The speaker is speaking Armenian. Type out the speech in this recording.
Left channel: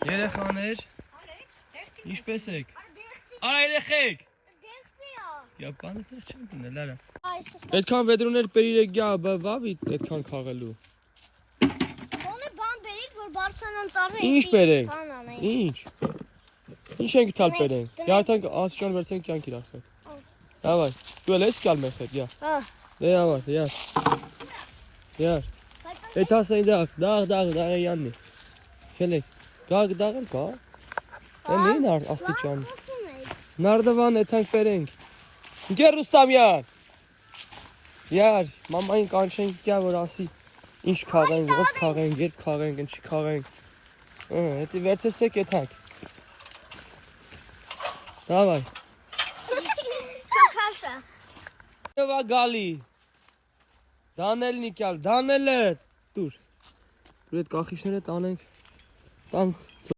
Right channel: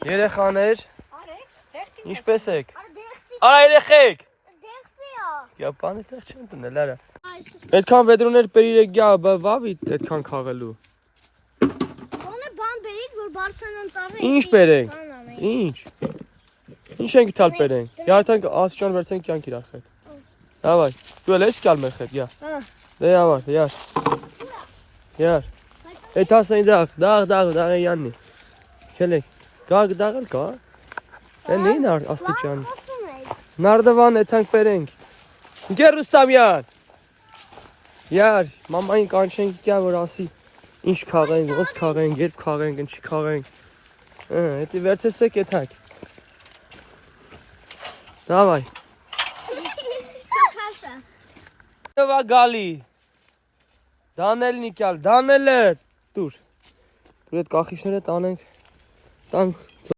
Երեխաներ, ինչպես եք։ Արա երեխեք։ Գա բանը տեղ չեն դնել, արա։ Այդքան վեդրոներ բերիր գա, վավի այդքան քաղելու։ Ոնը բան բերիր, որ բարձրանան ծառը։ Ինչ բերենք։ Ինչ։ Ինչ ենք տալ բերենք։ Գարթանք ասճան վերցենք կյանք իրախեք։ Давай, դու էլ ես գալ մեր հետ, յա։ Դե ավար, յար։ Յար։ Այդ ասեն դաղ յաննի։ Քելեք։ Դաղ կա։ Էլին աստիճան։ Նարդվան էթանք բերենք։ Գեր Ռուստամ յար։ Յար, մամային կանչենք գա որ ասի ինչ քաղենք, ով քաղենք, երբ քաղենք, ինչի քաղենք։ Էդի վերցեսեք էթանք։ Давай։ Նվա գալի։ Դանել նիկյալ, դանելը։ Դուր։ Դուր այդ կախիչները տանենք։ Տանք